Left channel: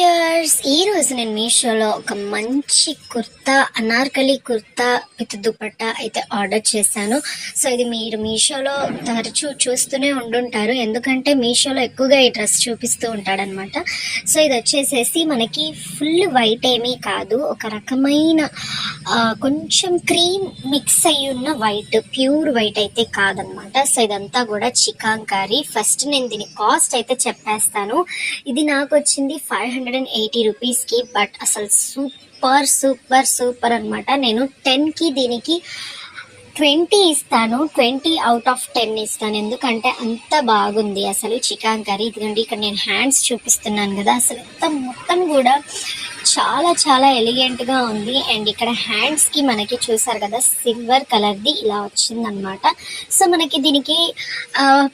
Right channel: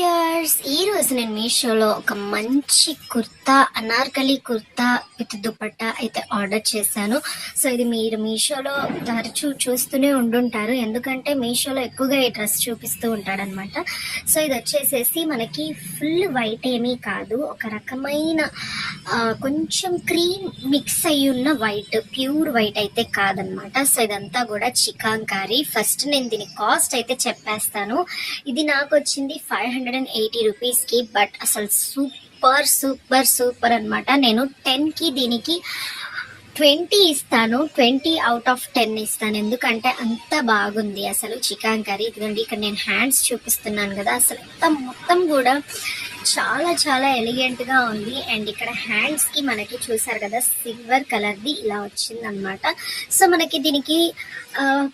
Viewers, ఈ రోజు నేను మీషోలో ఒక మంచి కుర్తా, అనార్కలి కుర్తా విత్ దుపట్టా అయితే ఆర్డర్ చేశాను. సో ఇది మీరు మీషోలో తరచూ చూస్తూనే ఉండుంటారు, ఎందుకంటే మీషోలో ఎక్కువగా ఈ డ్రెస్ చూపిస్తూ ఉంటాడనమాట. సో ఇది వచ్చేసేసి మనకి ఫుల్ వైట్ ఏమీ కాదు, ఒక రకమైన కొంచెం క్రీమ్ మిక్స్ అయ్యి ఉన్న వైట్, ప్యూర్ వైట్ అయితే కాదనమాట. సో ఇదంతా కూడా చికాంకారీ. ఫస్ట్ నేను దీని కాస్ట్ అయితే చెప్పేస్తాను. ఇది నాకు వచ్చింది 580 రూపీస్కి, బట్ అసలు సూపర్ సూపర్ సూపర్ అనమాట. నేను 10కి దీనికి 20 ఇస్తాను, 20 అవుట్ ఆఫ్ 10 ఇస్తాను, ఎందుకంటే అంత బాగుంది అసలు చికాంకారీ. ఇదిగోండి, ఇక్కడ నేను హ్యాండ్స్ చూపిస్తున్నాను కదా, అసలు మొత్తం కూడా చాలా చాలా ఎలిగెంట్గా ఉంది. అండ్ ఇక్కడ హ్యాండ్స్కి మనకి చూసారు కదా సిల్వర్ కలర్ది ఇలా వచ్చిందనమాట. సో మనకి దీనికి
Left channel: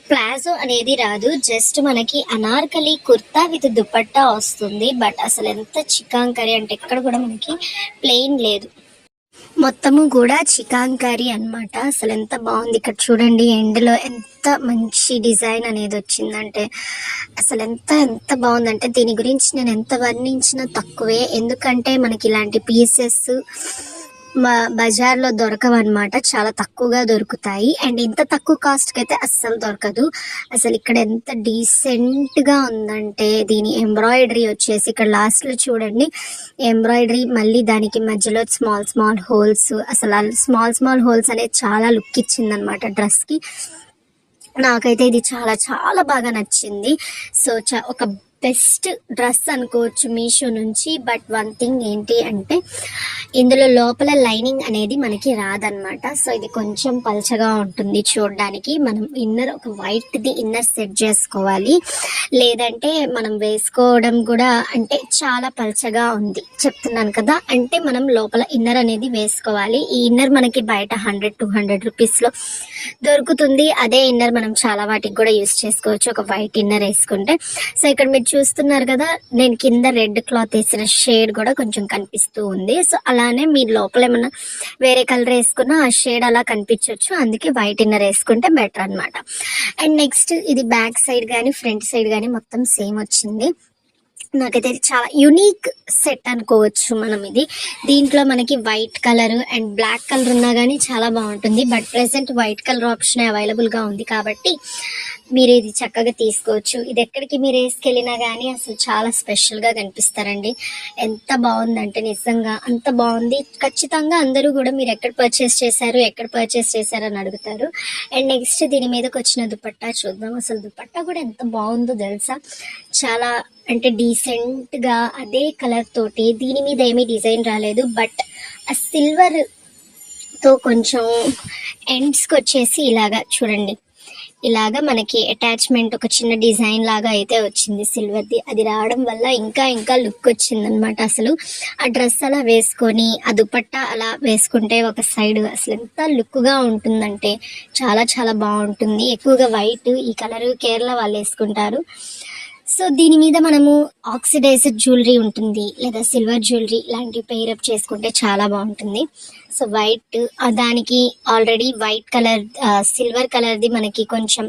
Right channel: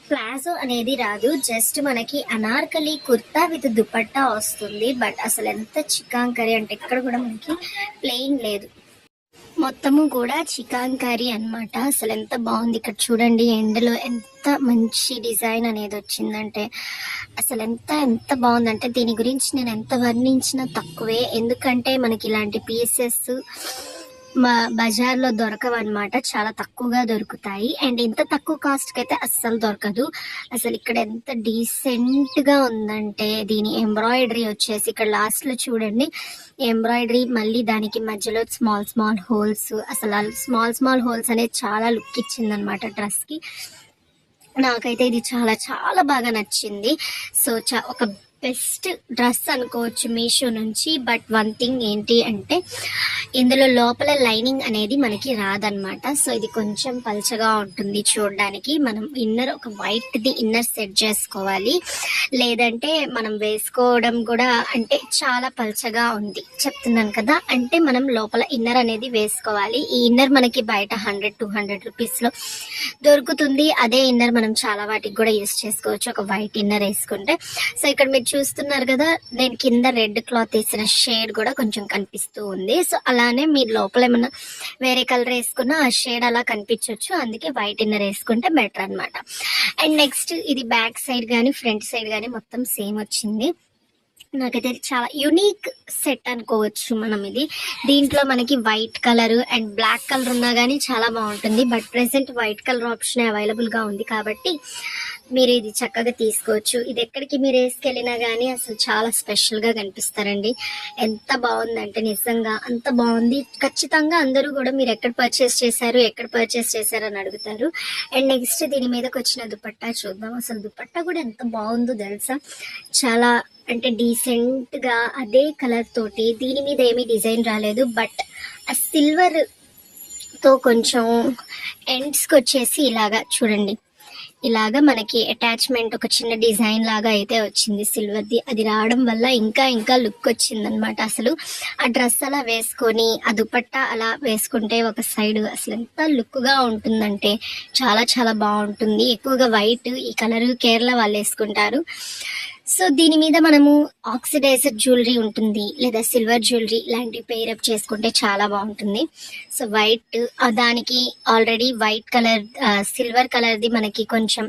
ప్లాజో అనేది రాదు, జస్ట్ మనకి అనార్కలి కుర్తా విత్ దుపట్టా వస్తుంది. బట్ అసలు ఎంత చికాంకారీ అంటే ఇక్కడ కూడా మనకి ప్లెయిన్ లేదు, మొత్తము కూడా చికాంకారీ అనమాట. అసలు ఎంత బాగుంది. ఇక్కడ చూడండి, ఎండ్లో ఎంత మంచి డిజైన్ అనేది వచ్చిందంటే అసలు ఎంత బాగుందంటే దీని గురించి నేను ఎంత వర్ణించినా తక్కువే, ఎందుకంటే మనకి ఇలాంటి పీసెస్ బజార్లో దొరకవన్నమాట, చాలా తక్కువగా దొరుకుతాయి. అండ్ ఇంత తక్కువ కాస్ట్కి అయితే అస్సలు దొరకదు. అసలు ఇక్కడ ఎంత డీసెంట్గా ఉందంటే దీని ఎంబ్రాయిడరీ వచ్చేసి ఇక్కడ లాస్ట్లో చూడండి, ఎంబ్రాయిడరీ మళ్ళీ దానికి మధ్యలో స్మాల్ హోల్స్, అసలు స్మాల్ హోల్స్ అనేది చాలా లుక్ ఇచ్చిందనమాట డ్రెస్కి. నాకైతే ఇది చాలా చాలా బాగా నచ్చింది. సో ఒక బెస్ట్ డ్రెస్ అనుకోవచ్చు మీషో నుంచి. బట్ వన్ థింగ్ ఏంటి అంటే ఇందులో లోపల లైనింగ్ అనేది మనకి రాదనమాట. సో ఇది కొంచెం పల్చగా ఉంటుంది చూడడానికి. మనం ఇన్నర్ ఒక వైట్ది ఇన్నర్ సెట్ చేసుకోవాలి, లేదంటే మనం వేసుకోవడం కూడా అంటే చాలా పల్చగా ఉంది చెప్తున్నాను కదా, అంటే మనం లోపల ఇన్నర్ అనేది వేసుకోవాలి. ఈ ఇన్నర్ మనకి బయట 100-200 రూపీస్లో దొరుకుతుంది. అదే ఇన్నర్ మనం చాలా వాటికి కూడా యూస్ చేసుకోవచ్చు, ఒక వైట్ ఇన్నర్ వేసుకుంటే. సో ఇక్కడ మీరు చూస్తున్నారు కదా, నేను కింద రెడ్ క్లాత్ వేసిన షేడ్ కూడా కొంచెం కనిపిస్తూ ఉంది. సో అలానే మీరు లోపల ఏమన్నా వేరే కలర్ వేసుకున్నా ఆ షేడ్ అలా కనిపించవచ్చు, అందుకే వైట్ ఇన్నర్ వేసుకుంటే బెటర్ అనమాట. అండ్ నెక్స్ట్ ఇది బ్యాక్ సైడ్ కానీ ఫ్రంట్ సైడ్ కానీ మొత్తం సేమ్ వచ్చింది. నాకైతే చాలా యూనిక్ సెట్ అనుకోవచ్చు మనం ఇది. దీంట్లో మనకి white colour and black colour ఉన్నా కానీ చాలా బాగుంటుంది. But present white colour option అవైలబుల్గా ఉంది కాబట్టి మీరు ఇది చక్కగా తీసుకోవచ్చు. ఇది ఎక్కడికి మీరు వేసుకెళ్ళినా కానీ అసలు చాలా స్పెషల్గా కనిపిస్తారండి. ఎంత బాగుందంటే నిజంగా అంత బాగుంది. ఖచ్చితంగా అందరూ కూడా మీరు ఎక్కడ పర్చేస్ చేశారు అని అడుగుతారు. అండ్ నెక్స్ట్ దీని మీదకి వచ్చిన దుపట్టా చూద్దాం. అసలు దుపట్టా కూడా ఎంత బాగుందో తెలుసా, చాలా అంటే డీసెంట్గా అదే కలర్ తోటి, దీని మీద ఏమీ డిజైన్ రాలేదు, బట్ ఆ సిల్వర్ తో కొంచెం ఎండ్స్కి వచ్చేసి ఇలాగా చూడండి, ఇలాగా మనకి అటాచ్మెంట్ ఒక చిన్న డిజైన్ లాగా అయితే వచ్చింది సిల్వర్ది. అది రావడం వల్ల ఇంకా లుక్ వచ్చింది అనమాట. అసలు ఆ డ్రెస్ అలా వేసుకొని ఆ దుపట్టా అలా వేసుకుంటే ఒక సైడ్ అసలు ఎంత లుక్గా ఉంటుందంటే చాలా చాలా బాగుంటుంది. ఎక్కువగా వైట్ ఈ కలర్ కేరళ వాళ్ళు వేసుకుంటారు. సో దీని మీద మనము ఆక్సిడైజర్ జ్యువెలరీ ఉంటుంది, లేదా సిల్వర్ జ్యువెలరీ ఇలాంటివి పెయిరప్ చేసుకుంటే చాలా బాగుంటుంది. సో వైట్ దానికి ఆల్రెడీ వైట్ కలర్ సిల్వర్ కలర్ది మనకి కొంచెం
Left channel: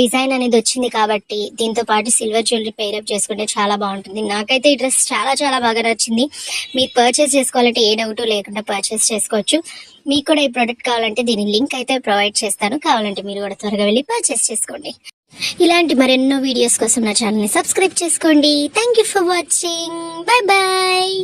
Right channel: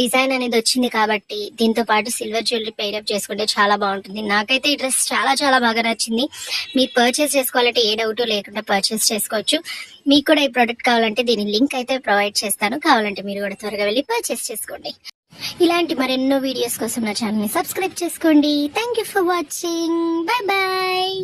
డిజైన్ అనేది వచ్చింది కాబట్టి దీంతో పాటు సిల్వర్ జ్యువెలరీ పెయిరప్ చేసుకుంటే చాలా బాగుంటుంది. నాకైతే ఈ డ్రెస్ చాలా చాలా బాగా నచ్చింది. మీరు పర్చేస్ చేసుకోవాలంటే ఏ డౌట్ లేకుండా పర్చేస్ చేసుకోవచ్చు. మీకు కూడా ఈ ప్రోడక్ట్ కావాలంటే దీని లింక్ అయితే ప్రొవైడ్ చేస్తాను, కావాలంటే మీరు కూడా త్వరగా వెళ్ళి పర్చేస్ చేసుకోండి. ఇలాంటి మరెన్నో వీడియోస్ కోసం నా ఛానల్ని సబ్స్క్రైబ్ చేసుకోండి. Thank you for watching. Bye bye.